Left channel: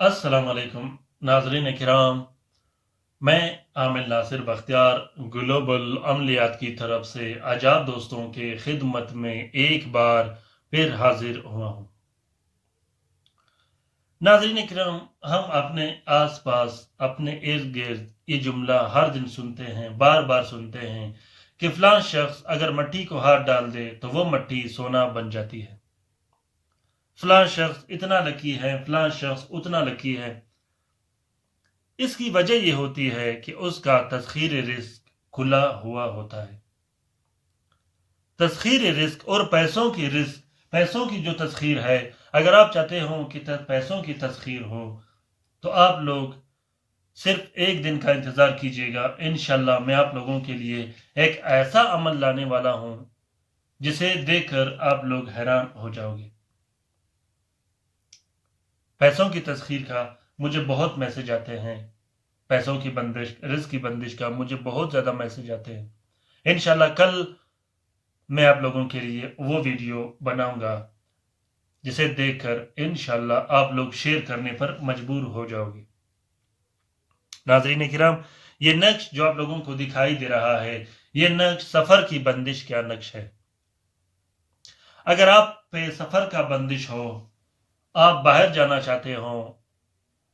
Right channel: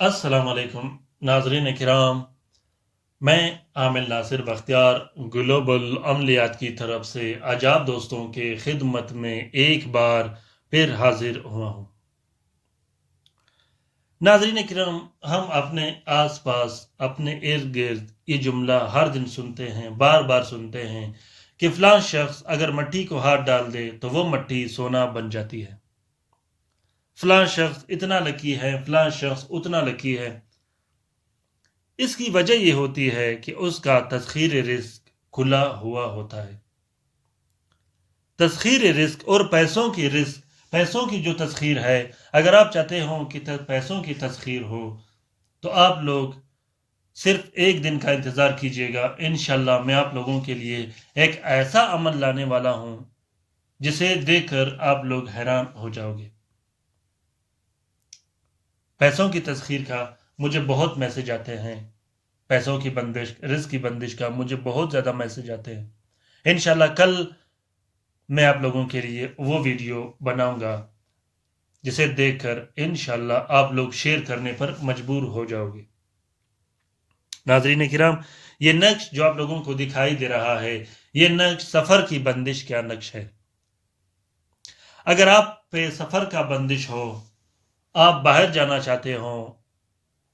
अस्सलाम वालेकुम नाजरीन किराम। मैं आमिर नासिर बख्तियार ग्लोबल अमलियात की तरफ से आज आप दोस्तों के खिदमत में एक बार फिर हाजिर हुआ हूँ। नाजरीन किराम, हम अपने आसपास अपने इर्द गिर्द ये जुमला हर दिन सुनते हैं, बार बार सुनते हैं कि फलां शख्स अगर मट्टी को हाथ डाल दे तो वो मट्टी सोना बन जाती है। फलां शख्स इतना लकी है, फलां शख्स उतना लकी है। इसकी वजह यह होती है कि उसका तस्खीर रिस्क खुला हुआ होता है। तस्खीर रिस्क और पैसों की जो तस्खीर है, अगर आप चाहते हो कि पैसों की तस्खीर हो तो आप लोग सिर्फ एक दिन का इंतज़ार कीजिएगा। इंशाल्लाह मैं आप लोगों के लिए एक ऐसा अमल लाने वाला हूं जिसे देखकर आप लोग हैरान हो जाओगे। पैसों की तस्खीर का मुझे बहुत मैसेज आते हैं, पैसों की बंदिश, रिस्क की बंदिश का मुझे बहुत ज़्यादा मैसेज आते हैं। इंशाल्लाह कल मैं आप लोगों के लिए वो वीडियो बनाऊंगा जिसे देखकर इंशाल्लाह आप लोग शेयर करने पर मजबूर हो जाओगे। नाज़रीन किराम, ये नक्श जो आप लोगों को दिखाई दे रहा है, ये नक्श सफ़र की बंदिश का नक्श है। अगर आप पे सफ़र का बंदिश हो, आप बाहर जाना चाहते हो,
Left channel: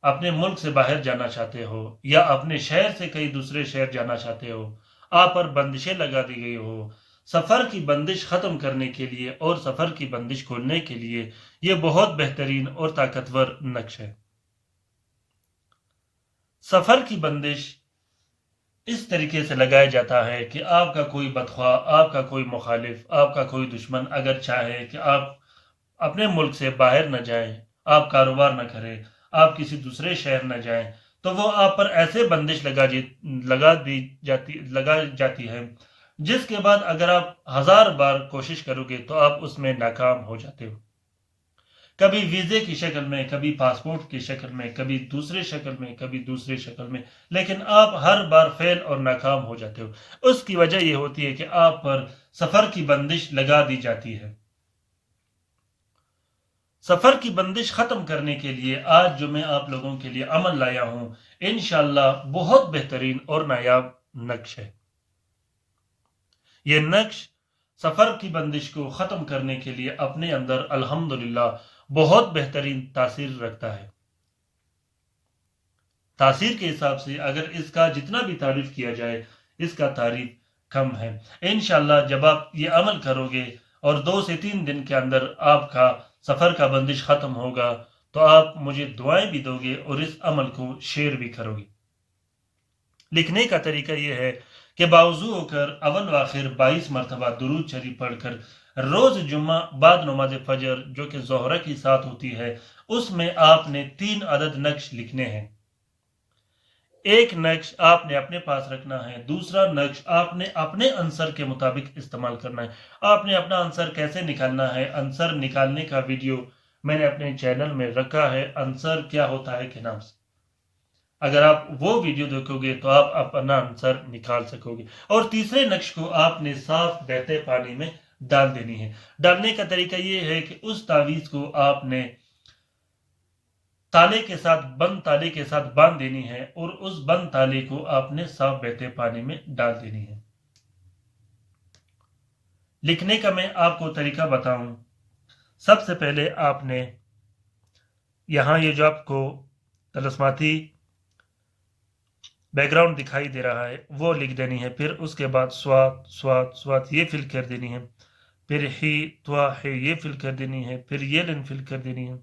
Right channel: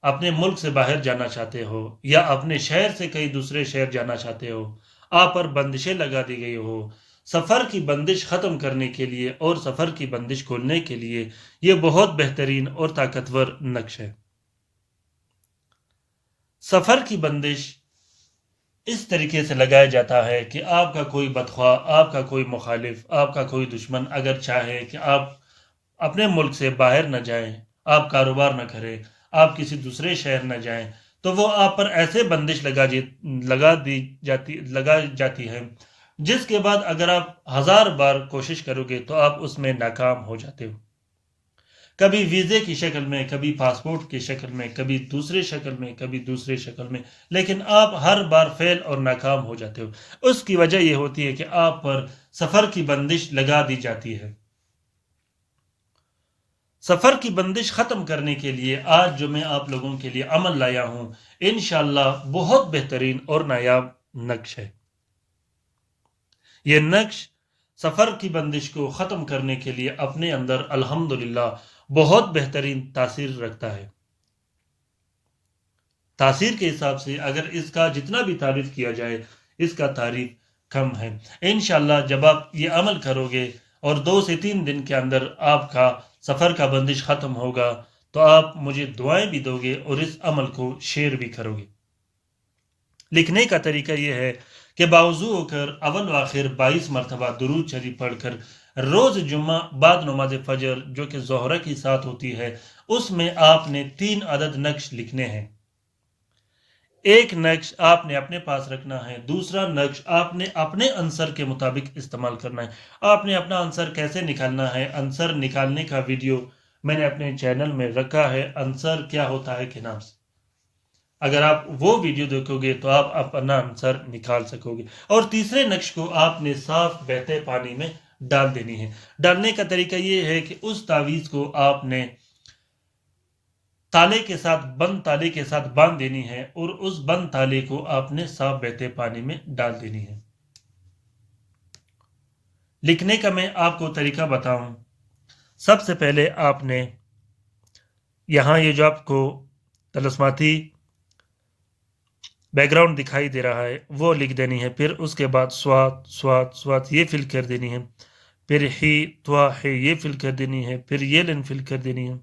अपने मुल्क से बाहर जाना चाहते हो या अपने शहर से कहीं दूसरे शहर जाना चाहते हो, आप पर बंदिशें लगा दी गई हो, सफ़र की बंदिश ख़त्म करने के लिए और सफ़र की बंदिश खोलने के लिए ये बहुत बेहतरीन और ताकतवर नक्श है। सफ़र की बंदिश इस तरीके से लगाया जाता है कि आपका कोई बदख्वाह, आपका कोई मुखालिफ, आपका कोई दुश्मन अगर चाहे कि आप अपने मुल्क से बाहर न जाएं, आप कारोबार न करें, आप किसी दूसरे शहर न जाएं, तो वो आप पर ऐसे बंदिश लगा जाती है जिसके बाद अगर आप हजार बार कोशिश करोगे तो आप उसमें नाकाम हो जाते हो। कभी वीजे की शक्ल में, कभी पासपोर्ट की शक्ल में, कभी दूसरे शक्ल में, कभी दूसरे शक्ल में, लेकिन आप हर बार फेल और नाकाम हो जाते हो। उसकी वजह यह होती है कि आप पर सफर की बंदिश लगा दी जाती है। सफर की बंदिश खत्म करने के लिए आज जो मैं आप लोगों के लिए अमल लाया हूं, इंशाल्लाह बहुत बेहतरीन और नायाब नक्श है। यह नक्श सफर की बंदिश को खत्म करने के लिए अपने अंदर अल्हम्दुलिल्लाह बहुत बेहतरीन तासीर रखता है। तासीर के हिसाब से अगर इसका जितना भी तारीफ किया जाए, इसका तारीफ कम है। इंशाल्लाह जब आप ये अमल करोगे और 2 से 3 दिन के अंदर आपका सफर का बंदिश खत्म होगा तो आप मुझे दुआएं भी दोगे और इस अमल को शेयर भी करोगे। लिखने का तरीका यह है कि बावजू होकर अव्वल व आखिर 22 मरतबा दुरूद शरीफ पढ़कर रोज जुम्मा बाद नमाज फजर जो कि जोहरा की साथ होती है, उसमें आपने 3 अदद नक्श लिखने हैं। एक नक्श आपने अपने पास रखना है, दूसरा नक्श आपने अपने आंसर के मुताबिक इस्तेमाल करना है। आपने अपना आंसर कैसे निकालना है, आंसर निकालने का वीडियो मैंने अपने चैनल में रखा है, आंसर क्या होता है के नाम से। अगर आप वो वीडियो देखोगे तो आप अपना आंसर निकाल सकोगे। और तीसरे नक्श को आपने साफ बहते पानी में डाल देनी है। डालने का तरीका ये है कि उस तावीज को आपने बंद ताले के साथ बांध देनी है और उस बंद ताले को आपने साफ बहते पानी में डाल देनी है। लिखने का मैं आपको तरीका बताऊं। सबसे पहले आपने यहां ये जो आपको तलस्माती बैकग्राउंड दिखाई दे रहा है वो लिख देनी है। फिर उसके बाद स्वात स्वात स्वात ये फिल कर देनी है। फिर ही त्वा है ये फिल कर देनी है। फिर ये लाइन फिल कर देनी है।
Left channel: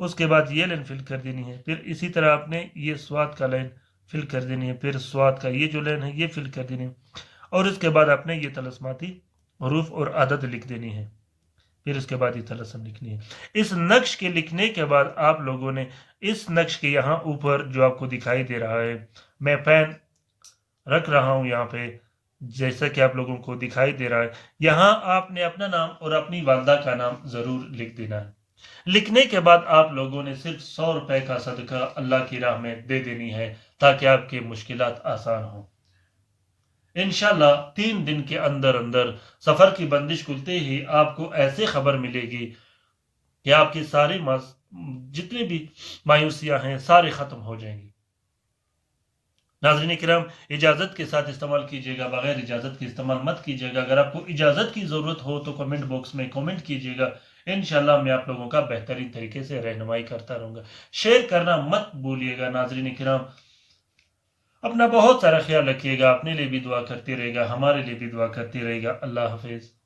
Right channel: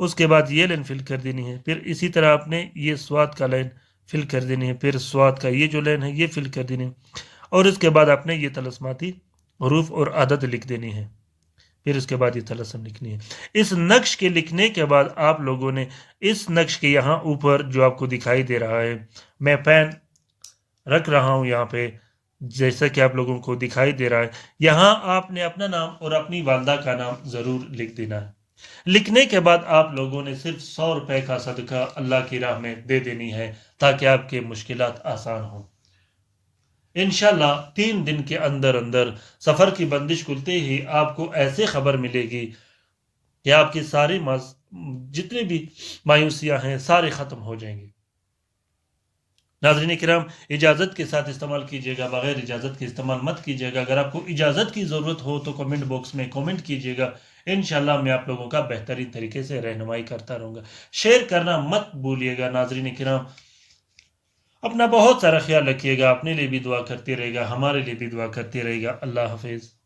उसके बाद ये लाइन फिल कर देनी है। फिर इसी तरह आपने ये स्वाद का लाइन फिल कर देनी है। फिर स्वाद का ये जो लाइन है ये फिल कर देनी है। और उसके बाद आपने ये तलस्माती हरूफ और आदत लिख देनी है। फिर उसके बाद ये तलस्सम लिखनी है। इस नक्श के लिखने के बाद आप लोगों ने इस नक्श के यहाँ ऊपर जो आपको दिखाई दे रहा है, मैं पेन रख रहा हूँ यहाँ पे, जैसा कि आप लोगों को दिखाई दे रहा है, यहाँ आपने अपना नाम और अपनी वालदा का नाम ज़रूर लिख देना है। लिखने के बाद आप लोगों ने सिर्फ 100 रुपए का सदका अल्लाह की राह में दे देनी है ताकि आपके मुश्किलात आसान हो। इंशाल्लाह 3 दिन के अंदर अंदर सफर की बंदिश खुलते ही आपको ऐसे खबर मिलेगी کہ آپ کی ساری جتنی بھی مایوسیاں ہیں سارے ختم ہو جائیں گی۔ ناظرین کرام، اجازت کے ساتھ استعمال کیجیے گا، بغیر اجازت کے استعمال مت کیجیے گا۔ اگر آپ کو اجازت کی ضرورت ہو تو کمنٹ باکس میں کمنٹ کیجیے گا، انشاءاللہ میں آپ لوگوں کا بہترین طریقے سے رہنمائی کرتا رہوں گا۔ شیئر کرنا مت بھولیے گا۔ ناظرین کرام، اپنا بہت سارا خیال رکھیے گا، اپنے لیے بھی دعا کرتے رہے گا، ہمارے لیے بھی دعا کرتے رہے گا۔ اللہ حافظ۔